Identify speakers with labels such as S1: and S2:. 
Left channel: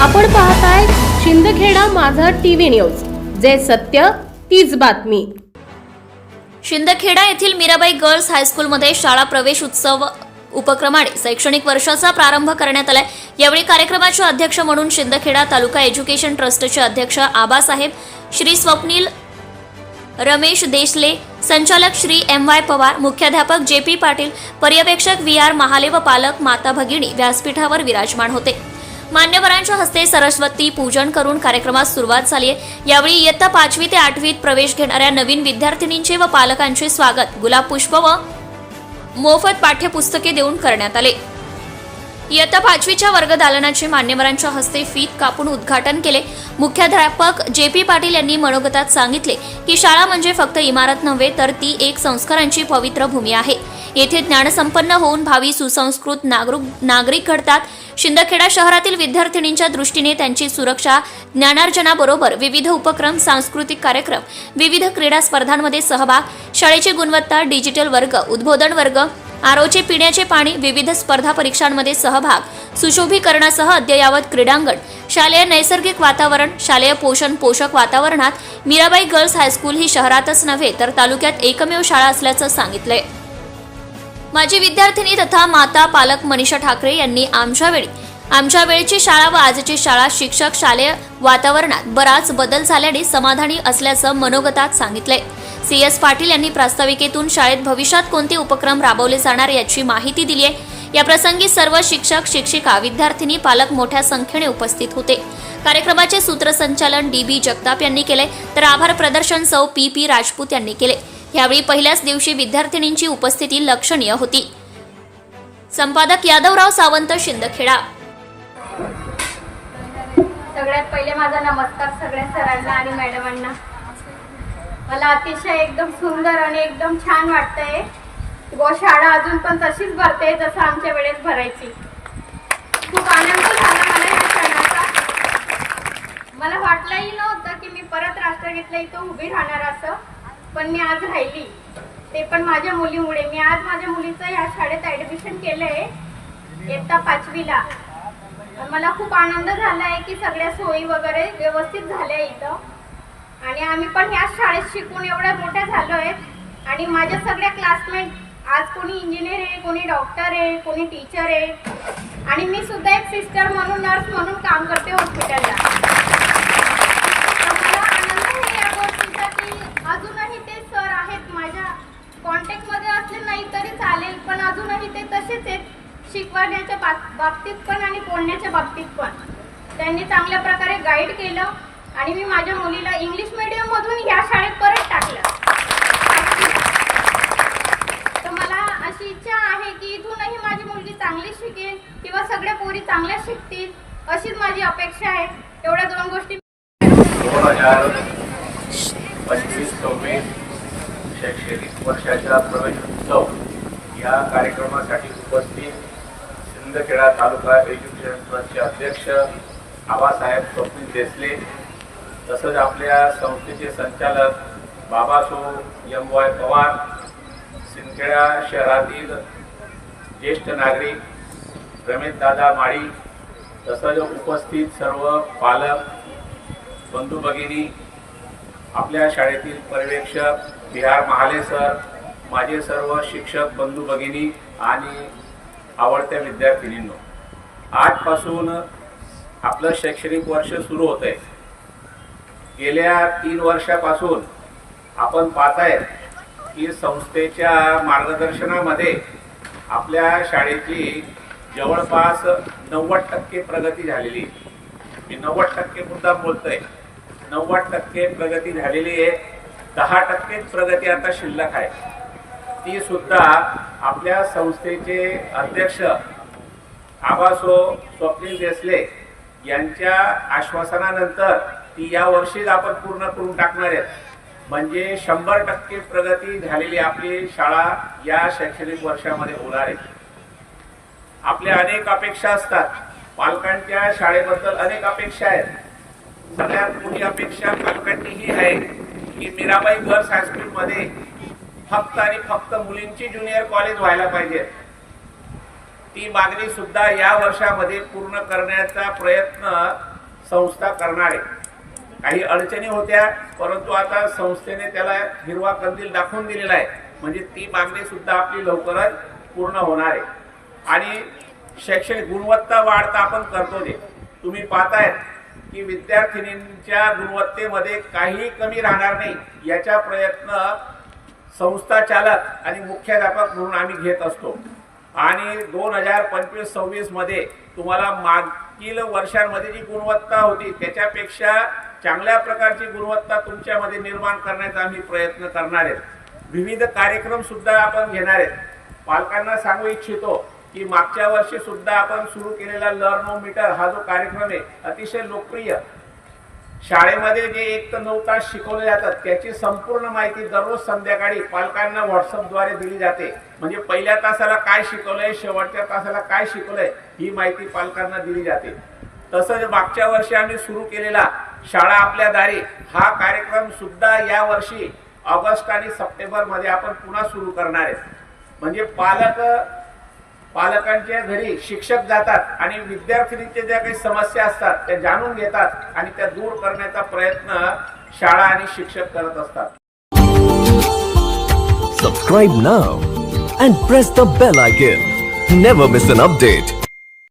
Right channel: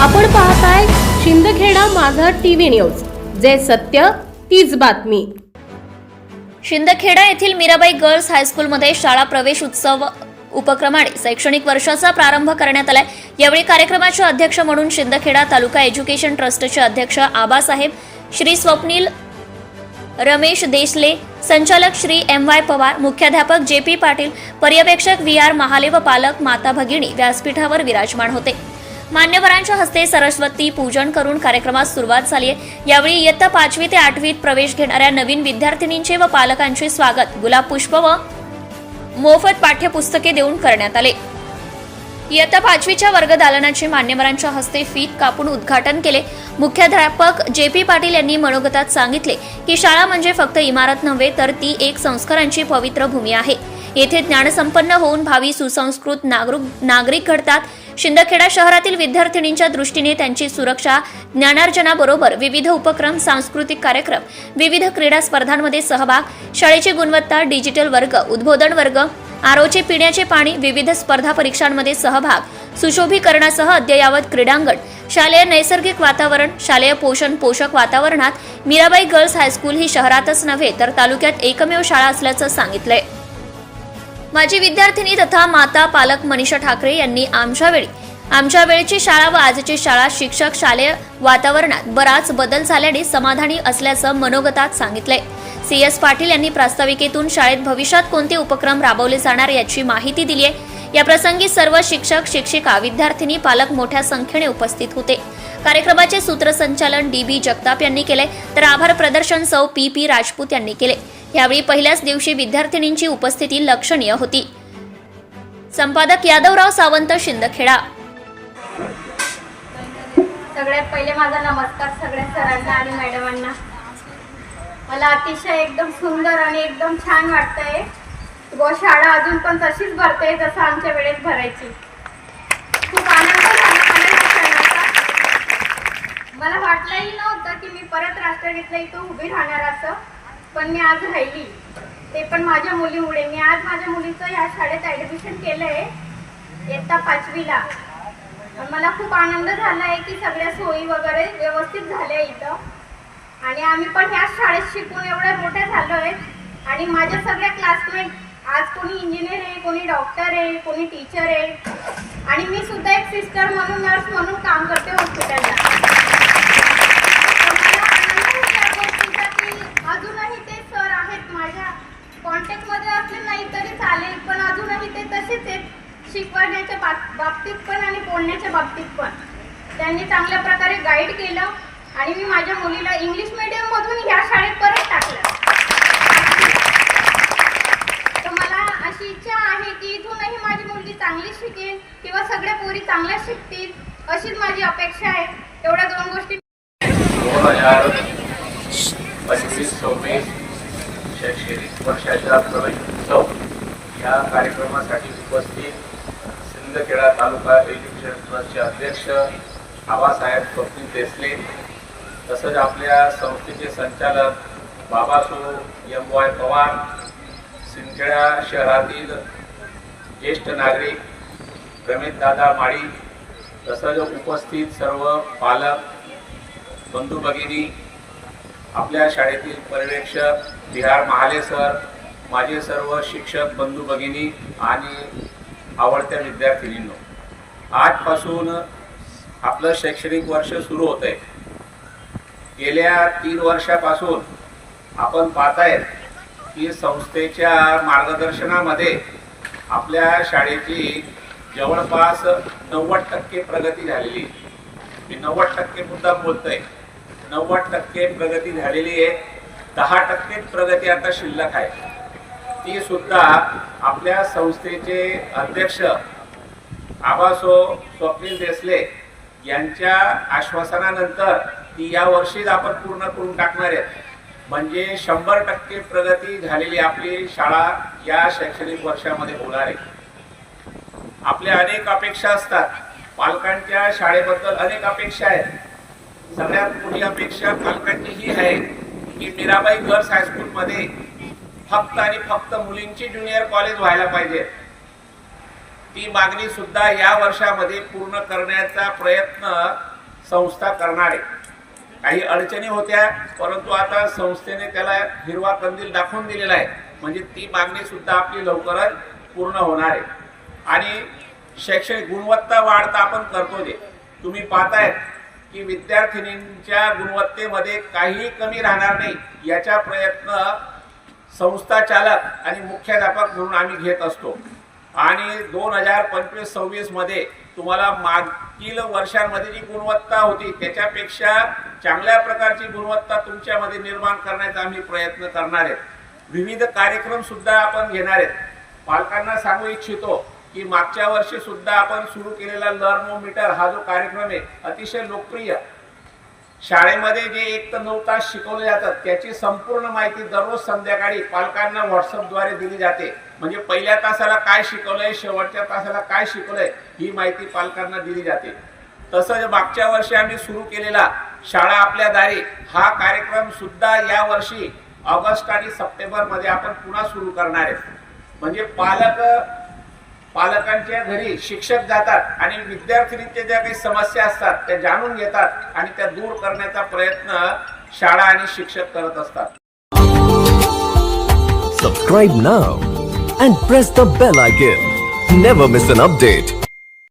S1: आपण पाहताय शिंदखेडा माझा टीव्ही न्यूज. जे सत्य तीच बातमी.
S2: शिंदखेडा येथील मीराबाई गर्ल्स हायस्कूलमध्ये शाळा प्रवेश उत्सव उपक्रमाने शैक्षणिक वर्षाचा प्रारंभ करण्यात आलाय. यावेळी कार्यक्रमाचे अध्यक्ष म्हणून शिंदखेडा तालुका एज्युकेशन ट्रस्टचे अध्यक्ष आबासाहेब श्री स्वप्नील रमेश देशले संचालक श्री एम वाय पवार मुख्याध्यापक जे पी पाटील पर्यवेक्षक व्ही आर महाले व पालक माता भगिनी व्यासपीठावर विराजमान होते. मान्यवरांच्या हस्ते सरस्वती पूजन करून कार्यक्रमास सुरुवात झाली आहे. यावेळी इयत्ता पाचवी ते आठवीत प्रवेश घेणाऱ्या नवीन विद्यार्थिनींचे व पालकांचे स्वागत. गुलाब पुष्प व मोफत पाठ्यपुस्तके देऊन करण्यात आले. इयत्ता पाचवीच्या वर्ग दालनाचे मान्यवरांच्या हस्ते फीत कापून उद्घाटन केले. मुख्याध्यापक जे पी पाटील यांनी मनोगतात सांगितले की शाळा म्हणजे फक्त इमारत नव्हे तर ती एक संस्कारांची पवित्र भूमी आहे. येथे ज्ञानसंपन्न होऊन भावी सुसंस्कृत नागरिक नागरिक घडतात. शिंदखेडा शहरातील विद्यार्थिनींच्या दृष्टीने त्यांची सुरक्षा ज्ञानार्जनाबरोबर विविध उपक्रम सांस्कृतिक कार्यक्रम विविध क्रीडा स्पर्धांमध्ये सहभाग शाळेची गुणवत्ता डिजिटल वर्ग उद्बोधन वर्ग आरोचे पिण्याचे पाणी विविध स्पर्धा परीक्षांमध्ये सहभाग सुशोभीकरणासह अद्ययावत क्रीडांगण शालेय नैसर्गिक वातावरण शालेय पोषण पोषक वातावरणात मीराबाई गर्ल्स हायस्कूल ही शहरातच नव्हे तर तालुक्यात एकमेव शाळा असल्याचं सांगितलंय. माजी विद्यार्थिनी तथा माता पालक मनीषा ठाकरे यांनी आमच्या वेळी आमच्या वेळची शाळा व आजची शाळा शिक्षक शालेय वातावरणात बराच बदल झाल्याने समाधानी असल्याचं मनोगतात सांगितलंय. सी. एस. पाटील यांनी प्रास्ताविकेतून शाळेत भविष्यात कोणते उपक्रम राबवले जाणार याची माहिती दिली आहे. या प्रसंगी सर्व शिक्षक शिक्षिका विद्यार्थिनी पालक मोठ्या संख्येने उपस्थित होते. कार्यक्रमाचे सूत्रसंचालन डी. बी. जगताप यांनी केले तर आभार प्रदर्शन सौ पी. पी. राजपूत यांनी केले. यावेळी पहिल्याच दिवशी विद्यार्थिनींची उपस्थिती लक्षणीय होती. संपादक यादवराव सावंत शिंदखेडा.
S3: सगळ्यात पहिले माझा नमस्कार सगळ्या सरांना आणि मॅडमांना. मला अतिशय एकदम सुंदर आणि एकदम छान वाटतंय. गोशाळा शाळा अजून पण तशीच भरते जसं आमच्या वेळेस भरायची. खूप आनंद झाला मला शिक्षणाचा मला वाटलंही नव्हतं की मी परत राष्ट्रगीतला इथं उभी राहणार असं. पण मी आज राहिली. ते पण माझ्या मुलीमुळे. मी आज माझ्या मुलीचं ह्या शाळेत ॲडमिशन केलं आहे इयत्ता पाचवीला. मला खूप आनंद झाला आहे की सगळ्या सोयी वगैरे व्यवस्थित झाल्या इथं. आणि आम्ही पण ह्याच शाळेत शिकून एवढ्या मोठ्या झालो आणि माझ्या सगळ्या क्लासमेट आज कोणी इंजिनियर आहे कोणी डॉक्टर आहे कोणी टीचर आहे. आणि मी सुद्धा एक सिस्टर म्हणून नर्स म्हणून काम करते हॉस्पिटलला तर मला आनंद होतो या गोष्टीचा की अजूनही ते सर आहेत माझ्या कॉन्टॅक्टमध्ये असले नाही तरी चालेल पण अजूनही ते तसेच आहेत शिकवण्याच्या बाब- बाबतीत पण आणि बोलण्याच्या बाबतीत पण. त्यांनी चांगल्या प्रकारे गाईड केलं आणि मी माझ्या मुलीला इंग्लिश मीडियममधून ह्या शाळेत परत टाकलं. तर मला अशी इच्छा आहे की इथूनही माझी मुलगी चांगली शिकेल किंवा सगळ्या पोरी चांगल्या शिकतील अशीच माझी अपेक्षा आहे. एवढ्या दोन गोष्टी
S4: दोन हजार पंचवीस शैक्षणिक वर्षाचा प्रवेश उत्सव या कार्यक्रमासाठी उपस्थित शिंदखेडा तालुका एज्युकेशन ट्रस्टचे अध्यक्ष आबासाहेब स्वप्नील देसले तसंच आपल्या संस्थेचे संचालक बाबासो एम वाय पवार शिंदखेडा शहरातील ज्येष्ठ नागरिक रमेशदादा माळी तसंच उपस्थित सर्व पालक बंधू भगिनी आपल्या शाळेतील पर्यवेक्षक बिहार महाले सर माझे सर्व शिक्षक बंधू भगिनी आणि आवडत्या विद्यार्थिनींनो आजपासून आपलं शैक्षणिक वर्ष सुरू होत आहे गेल्या तीन वर्षापासून आपण पाहताय की संस्थेच्या मार्गदर्शनामध्ये आपल्या शाळेची जवळपास नव्वद टक्के प्रगती झालेली मी नव्वद टक्के मुद्दा बोलतोय. नव्वद टक्के प्रगती झालेली आहे. दहा टक्केच प्रगती आता शिल्लक आहे. ती सुद्धा आपल्या संस्थेचे अध्यक्ष आबासो स्वप्नील देसले यांच्या आश्वासनानंतर ती या वर्षीच आपण पूर्ण करून टाकणार आहेत. म्हणजे शंभर टक्के प्रगती झालेली आपली शाळा या शैक्षणिक वर्षामध्ये होणार आहे. आपल्या अनेक अपेक्षा असतात. पालकांच्या शाळेबद्दल अनेक अपेक्षा आहेत. सगळ्यात मोठी अपेक्षा पालकांची ही आहे की मीराबाई गर्ल्स हायस्कूलमध्ये फक्त आणि फक्त मुलींची ज्युनियर कॉलेज व्हायला पाहिजे. ती मागणी सुद्धा या वर्षामध्ये पूर्ण करण्याचा प्रयत्न संस्था करणार आहे. काही अडचणी होत्या परंतु आता संस्थेने त्याला हिरवा कंदील दाखवून दिलेला आहे. म्हणजे ती मागणी सुद्धा आपली लवकरच पूर्ण होणार आहे. आणि शैक्षणिक गुणवत्ता वाढता आपण करतो ते तुम्ही पाहतायत की विद्यार्थिनींच्या गुणवत्तेमध्ये काहीही कमी राहणार नाही. याचा प्रयत्न संस्था चालक आणि मुख्याध्यापक म्हणून आम्ही घेत असतो. आणि दोन हजार पंचवीस सव्वीसमध्ये तुम्हाला मागील वर्षांमध्ये जी गुणवत्ता होती त्याच्यापेक्षा चांगल्या प्रकारची गुणवत्ता तुमच्यामध्ये निर्माण करण्याचा आम्ही प्रयत्न करणार आहेत विविध कार्यक्रम सुद्धा आपण घेणार आहेत. पालकांना सांगू इच्छितो की मागच्या वर्षी सुद्धा आपण सुरू केलेला लर्नो मीटर हा जो कार्यक्रम आहे अतिशय लोकप्रिय. शाळेमध्ये जे एक तर नऊ तास शिकवले जातात त्याची संपूर्ण माहिती दररोज संध्याकाळी पालकांना व्हॉट्सअपद्वारे दिली जाते. म्हणजे पहिल्या तासाला काय शिकवलंय शेवटच्या तासाला काय शिकवलंय ही माहिती पालकांना दिली जाते. तसंच मागच्या वर्षी आम्ही सुरू केलेला शाळा आपल्या दारी हा कार्यक्रम सुद्धा या वर्षी ऑगस्ट आणि सप्टेंबरमध्ये आपण पुन्हा सुरू करणार आहे. म्हणजे पालक पालकांच्या घरी शिक्षक जातात आणि विद्यार्थिनींच्या ज्या काही समस्या असतात त्या जाणून घेतात आणि त्या दूर करण्याचा प्रयत्न शाळा आणि शिक्षक करत असतात.
S5: Subscribe now and press the bell icon never miss an update